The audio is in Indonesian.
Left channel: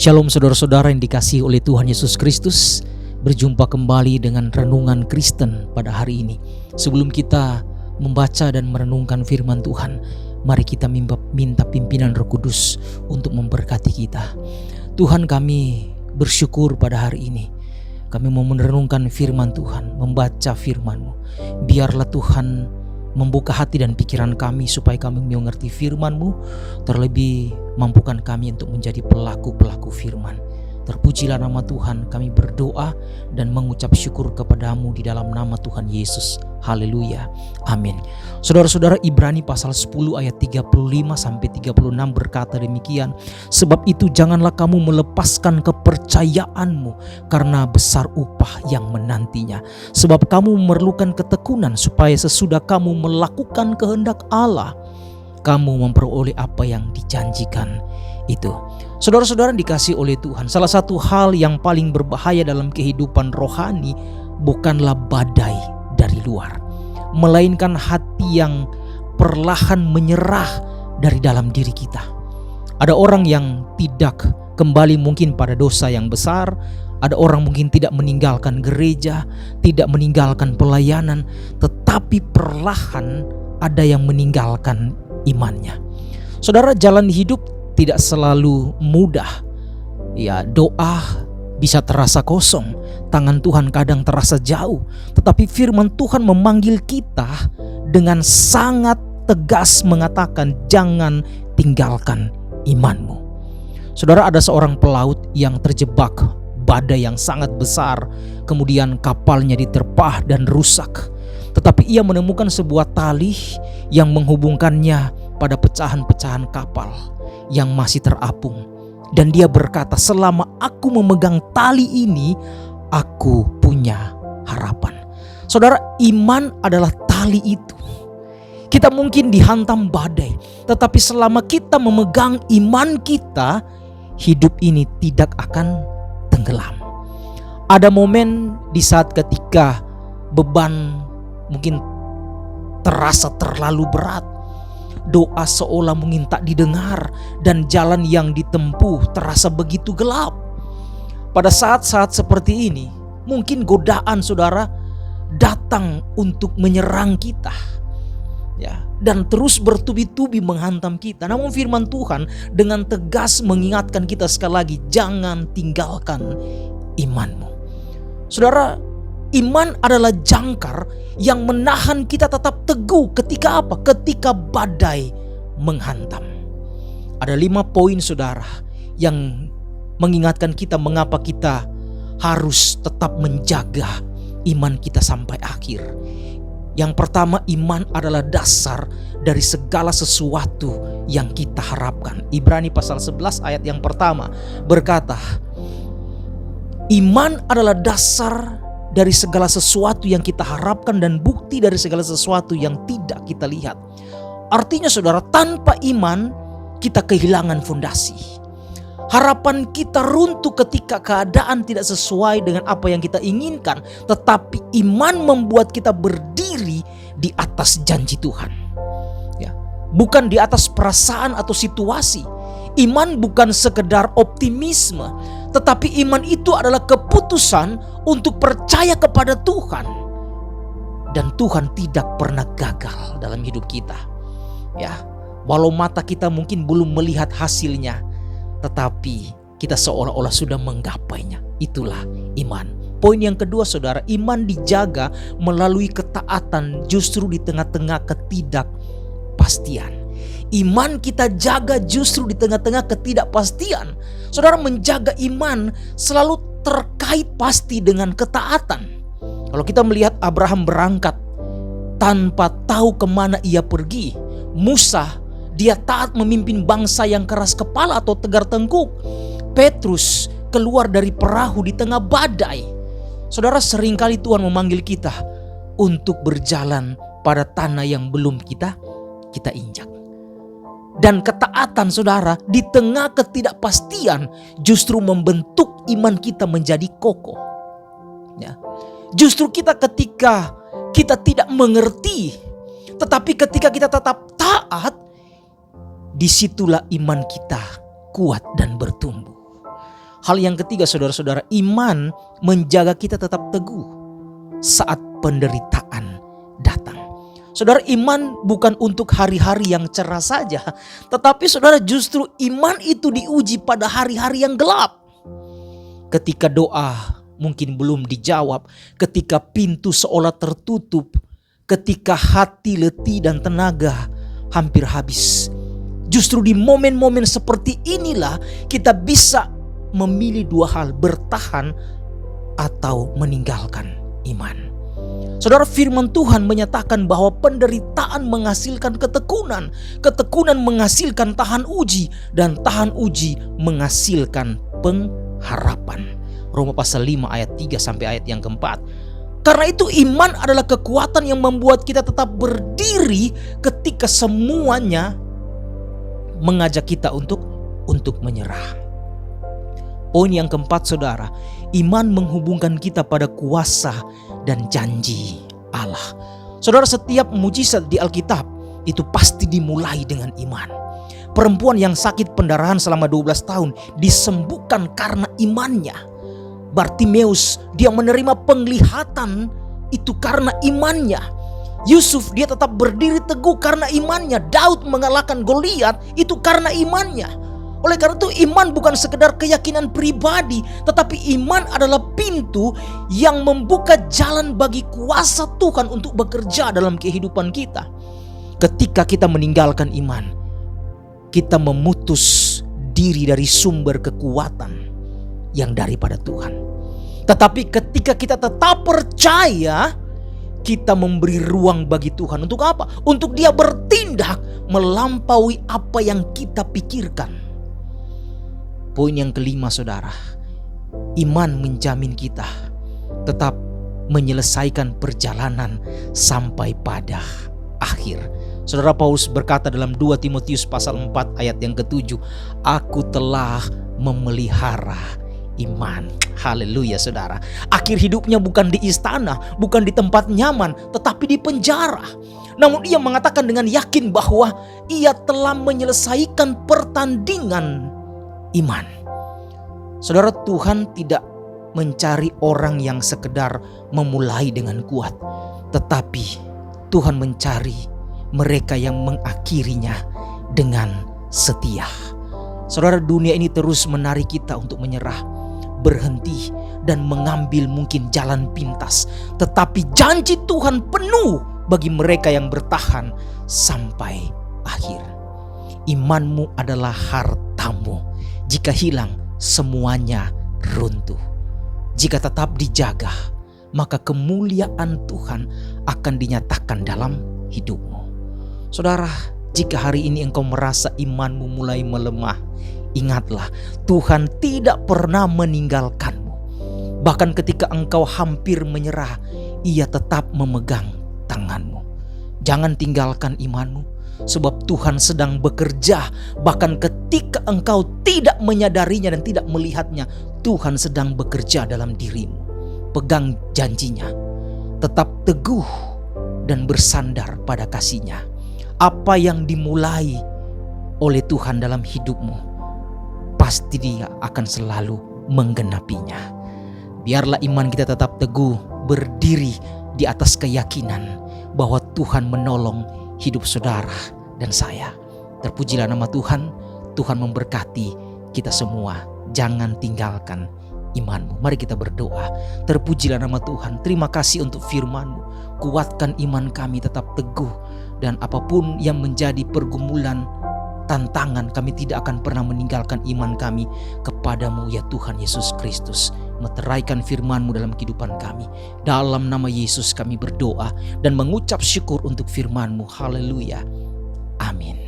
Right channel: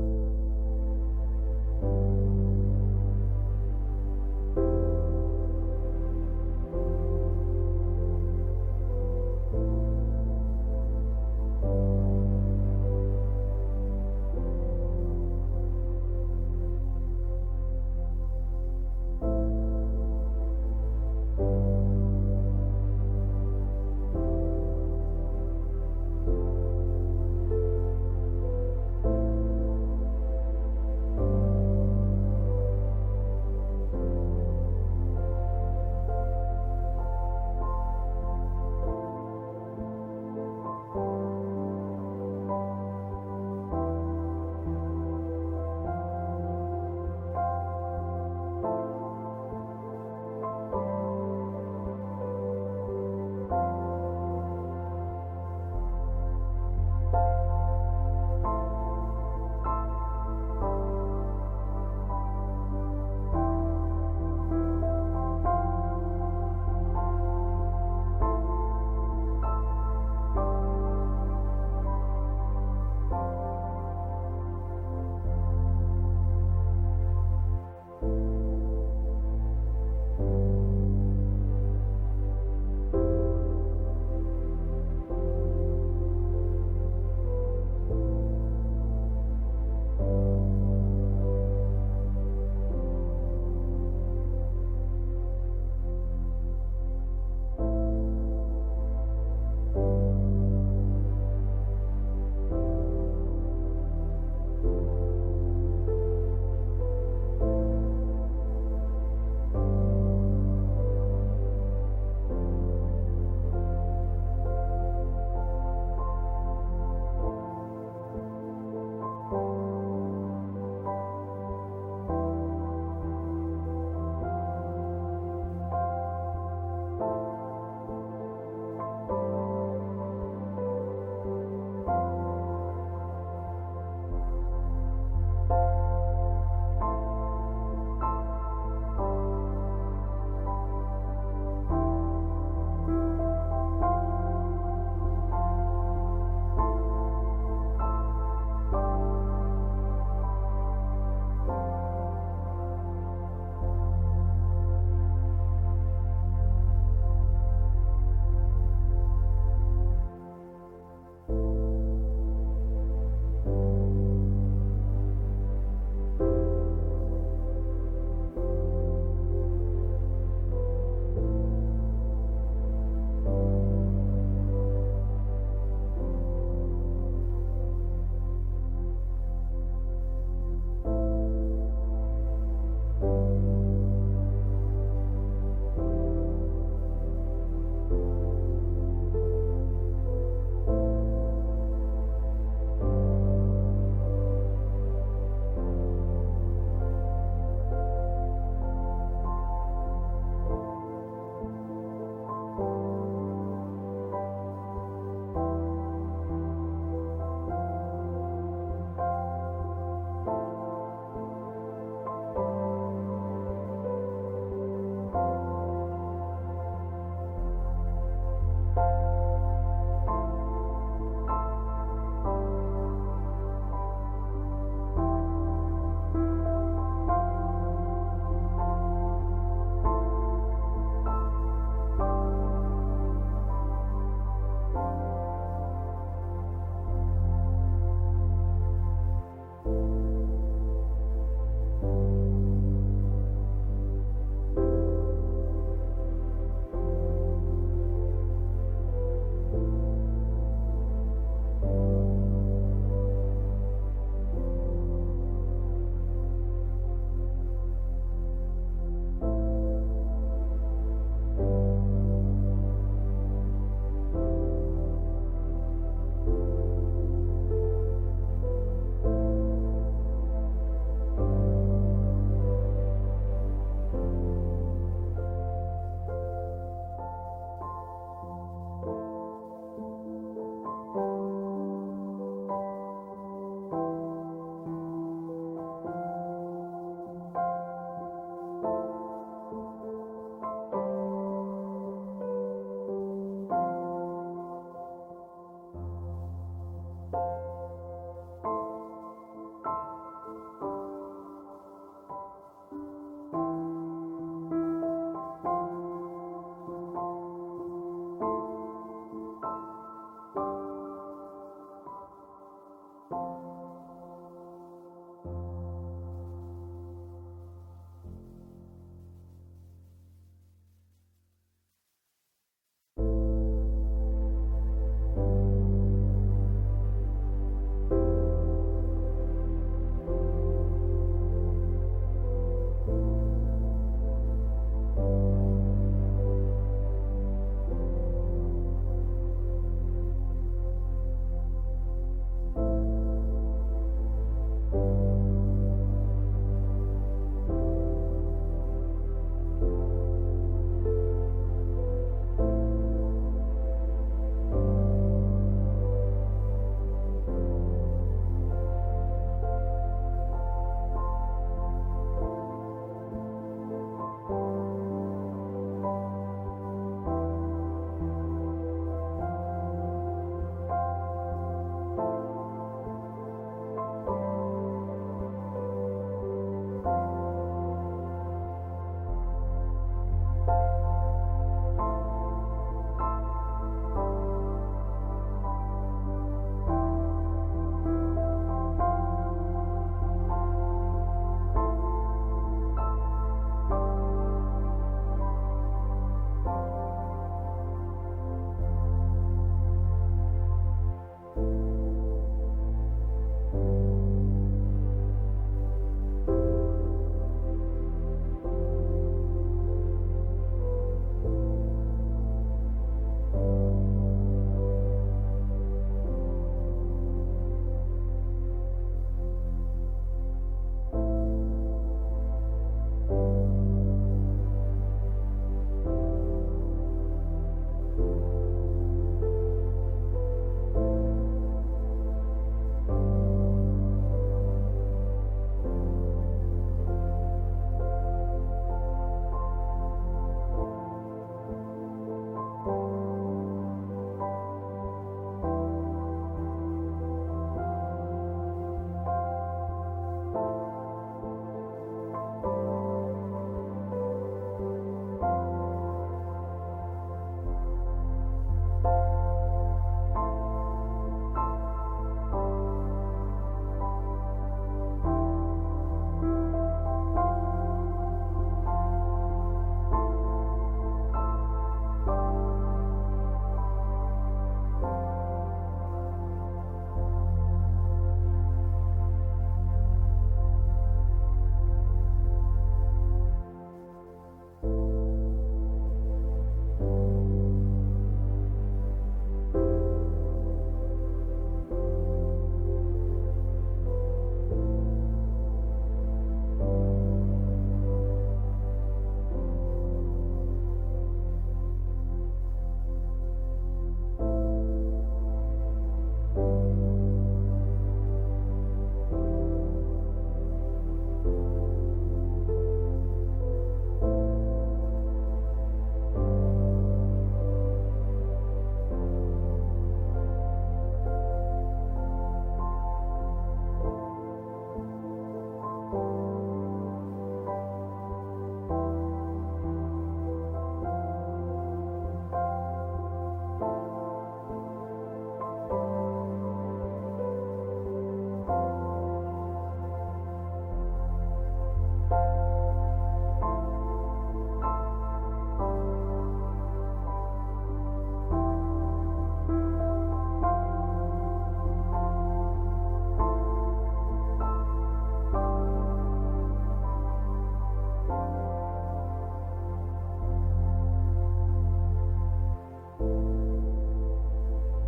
Shalom saudara-saudara yang dikasihi oleh Tuhan Yesus Kristus. Berjumpa kembali dengan Renungan Kristen pada hari ini. Sebelum kita membaca dan merenungkan firman Tuhan, mari kita minta pimpinan Roh Kudus untuk memberkati kita. Tuhan, kami bersyukur pada hari ini. Kami mau merenungkan firman Tuhan, membaca firman-Mu. Biarlah Tuhan membuka hati dan pikiran kami supaya kami mengerti firman-Mu. Terlebih mampukan kami untuk menjadi pelaku-pelaku firman. Terpujilah nama Tuhan. Kami berdoa dan mengucap syukur kepadamu di dalam nama Tuhan Yesus. Haleluya. Amin. Saudara-saudara, Ibrani pasal 10 ayat 35-36 berkata demikian. Sebab itu janganlah kamu melepaskan kepercayaanmu, karena besar upah yang menantinya. Sebab kamu memerlukan ketekunan, supaya sesudah kamu melakukan kehendak Allah, kamu memperoleh apa yang dijanjikan itu. Saudara-saudara dikasih oleh Tuhan, salah satu hal yang paling berbahaya dalam kehidupan rohani bukanlah badai dari luar, melainkan hati yang perlahan menyerah dari dalam diri kita. Ada orang yang tidak kembali mungkin pada dosa yang besar. Ada orang mungkin tidak meninggalkan gereja, tidak meninggalkan pelayanan, tetapi perlahan ada yang meninggalkan imannya. Saudara, jalan hidup tidak selalu mudah. Ya, doa bisa terasa kosong, tangan Tuhan kadang terasa jauh, tetapi firman Tuhan memanggil kita dengan sangat tegas mengatakan, jangan tinggalkan imanmu. Saudara, ada seorang pelaut yang terjebak badai yang sangat besar, kemudian kapalnya diterpah dan rusak. Tetapi ia menemukan sebuah tali yang menghubungkannya pada pecahan-pecahan kapal yang masih terapung. Dan dia berkata, selama aku memegang tali ini, aku punya harapan. Saudara, iman adalah tali itu. Kita mungkin dihantam badai, tetapi selama kita memegang iman kita, hidup ini tidak akan tenggelam. Ada momen di saat ketika beban mungkin terasa terlalu berat, doa seolah mungkin tak didengar, dan jalan yang ditempuh terasa begitu gelap. Pada saat-saat seperti ini, mungkin godaan saudara datang untuk menyerang kita, ya, dan terus bertubi-tubi menghantam kita. Namun firman Tuhan dengan tegas mengingatkan kita sekali lagi, jangan tinggalkan imanmu. Saudara, iman adalah jangkar yang menahan kita tetap teguh ketika apa? Ketika badai menghantam. Ada 5 poin saudara yang mengingatkan kita mengapa kita harus tetap menjaga iman kita sampai akhir. Yang pertama, iman adalah dasar dari segala sesuatu yang kita harapkan. Ibrani pasal 11 ayat yang pertama berkata, iman adalah dasar dari segala sesuatu yang kita harapkan dan bukti dari segala sesuatu yang tidak kita lihat. Artinya saudara, tanpa iman kita kehilangan fondasi. Harapan kita runtuh ketika keadaan tidak sesuai dengan apa yang kita inginkan. Tetapi iman membuat kita berdiri di atas janji Tuhan, ya, bukan di atas perasaan atau situasi. Iman bukan sekedar optimisme, tetapi iman itu adalah keputusan untuk percaya kepada Tuhan. Dan Tuhan tidak pernah gagal dalam hidup kita. Ya, walau mata kita mungkin belum melihat hasilnya, tetapi kita seolah-olah sudah menggapainya. Itulah iman. Poin yang kedua saudara, iman dijaga melalui ketaatan justru di tengah-tengah ketidakpastian. Iman kita jaga justru di tengah-tengah ketidakpastian. Saudara, menjaga iman selalu terkait pasti dengan ketaatan. Kalau kita melihat Abraham berangkat tanpa tahu kemana ia pergi. Musa, dia taat memimpin bangsa yang keras kepala atau tegar tengkuk. Petrus keluar dari perahu di tengah badai. Saudara, seringkali Tuhan memanggil kita untuk berjalan pada tanah yang belum kita injak. Dan ketaatan saudara di tengah ketidakpastian justru membentuk iman kita menjadi kokoh. Ya. Justru ketika kita tidak mengerti, tetapi ketika kita tetap taat, disitulah iman kita kuat dan bertumbuh. Hal yang ketiga saudara-saudara, iman menjaga kita tetap teguh saat penderitaan datang. Saudara, iman bukan untuk hari-hari yang cerah saja, tetapi saudara justru iman itu diuji pada hari-hari yang gelap. Ketika doa mungkin belum dijawab, ketika pintu seolah tertutup, ketika hati letih dan tenaga hampir habis. Justru di momen-momen seperti inilah kita bisa memilih dua hal, bertahan atau meninggalkan iman. Saudara, firman Tuhan menyatakan bahwa penderitaan menghasilkan ketekunan, ketekunan menghasilkan tahan uji, dan tahan uji menghasilkan pengharapan. Roma pasal 5 ayat 3 sampai ayat yang keempat. Karena itu iman adalah kekuatan yang membuat kita tetap berdiri ketika semuanya mengajak kita untuk menyerah. Poin yang keempat saudara, iman menghubungkan kita pada kuasa dan janji Allah. Saudara, setiap mujizat di Alkitab itu pasti dimulai dengan iman. Perempuan yang sakit pendarahan selama 12 tahun disembuhkan karena imannya. Bartimeus, dia menerima penglihatan itu karena imannya. Yusuf, dia tetap berdiri teguh karena imannya. Daud mengalahkan Goliat itu karena imannya. Oleh karena itu iman bukan sekedar keyakinan pribadi, tetapi iman adalah pintu yang membuka jalan bagi kuasa Tuhan untuk bekerja dalam kehidupan kita. Ketika kita meninggalkan iman, kita memutus diri dari sumber kekuatan yang daripada Tuhan. Tetapi ketika kita tetap percaya, kita memberi ruang bagi Tuhan. Untuk apa? Untuk Dia bertindak melampaui apa yang kita pikirkan. Poin yang kelima saudara, iman menjamin kita tetap menyelesaikan perjalanan sampai pada akhir. Saudara, Paulus berkata dalam 2 Timotius pasal 4 ayat yang ke-7, aku telah memelihara iman. Haleluya saudara. Akhir hidupnya bukan di istana, bukan di tempat nyaman, tetapi di penjara. Namun ia mengatakan dengan yakin bahwa ia telah menyelesaikan pertandingan iman. Saudara, Tuhan tidak mencari orang yang sekedar memulai dengan kuat, tetapi Tuhan mencari mereka yang mengakhirinya dengan setia. Saudara, dunia ini terus menarik kita untuk menyerah, berhenti, dan mengambil mungkin jalan pintas. Tetapi janji Tuhan penuh bagi mereka yang bertahan sampai akhir. Imanmu adalah hartamu. Jika hilang, semuanya runtuh. Jika tetap dijaga, maka kemuliaan Tuhan akan dinyatakan dalam hidupmu. Saudara, jika hari ini engkau merasa imanmu mulai melemah, ingatlah, Tuhan tidak pernah meninggalkanmu. Bahkan ketika engkau hampir menyerah, Ia tetap memegang tanganmu. Jangan tinggalkan imanmu, sebab Tuhan sedang bekerja. Bahkan ketika engkau tidak menyadarinya dan tidak melihatnya, Tuhan sedang bekerja dalam dirimu. Pegang janjinya, tetap teguh dan bersandar pada kasih-Nya. Apa yang dimulai oleh Tuhan dalam hidupmu, pasti Dia akan selalu menggenapinya. Biarlah iman kita tetap teguh, berdiri di atas keyakinan bahwa Tuhan menolong hidup saudara dan saya. Terpujilah nama Tuhan. Tuhan memberkati kita semua. Jangan tinggalkan imanmu. Mari kita berdoa. Terpujilah nama Tuhan. Terima kasih untuk firman-Mu. Kuatkan iman kami tetap teguh. Dan apapun yang menjadi pergumulan, tantangan, kami tidak akan pernah meninggalkan iman kami kepadamu ya Tuhan Yesus Kristus. Meteraikan firman-Mu dalam kehidupan kami. Dalam nama Yesus kami berdoa dan mengucap syukur untuk firman-Mu. Haleluya. Amin.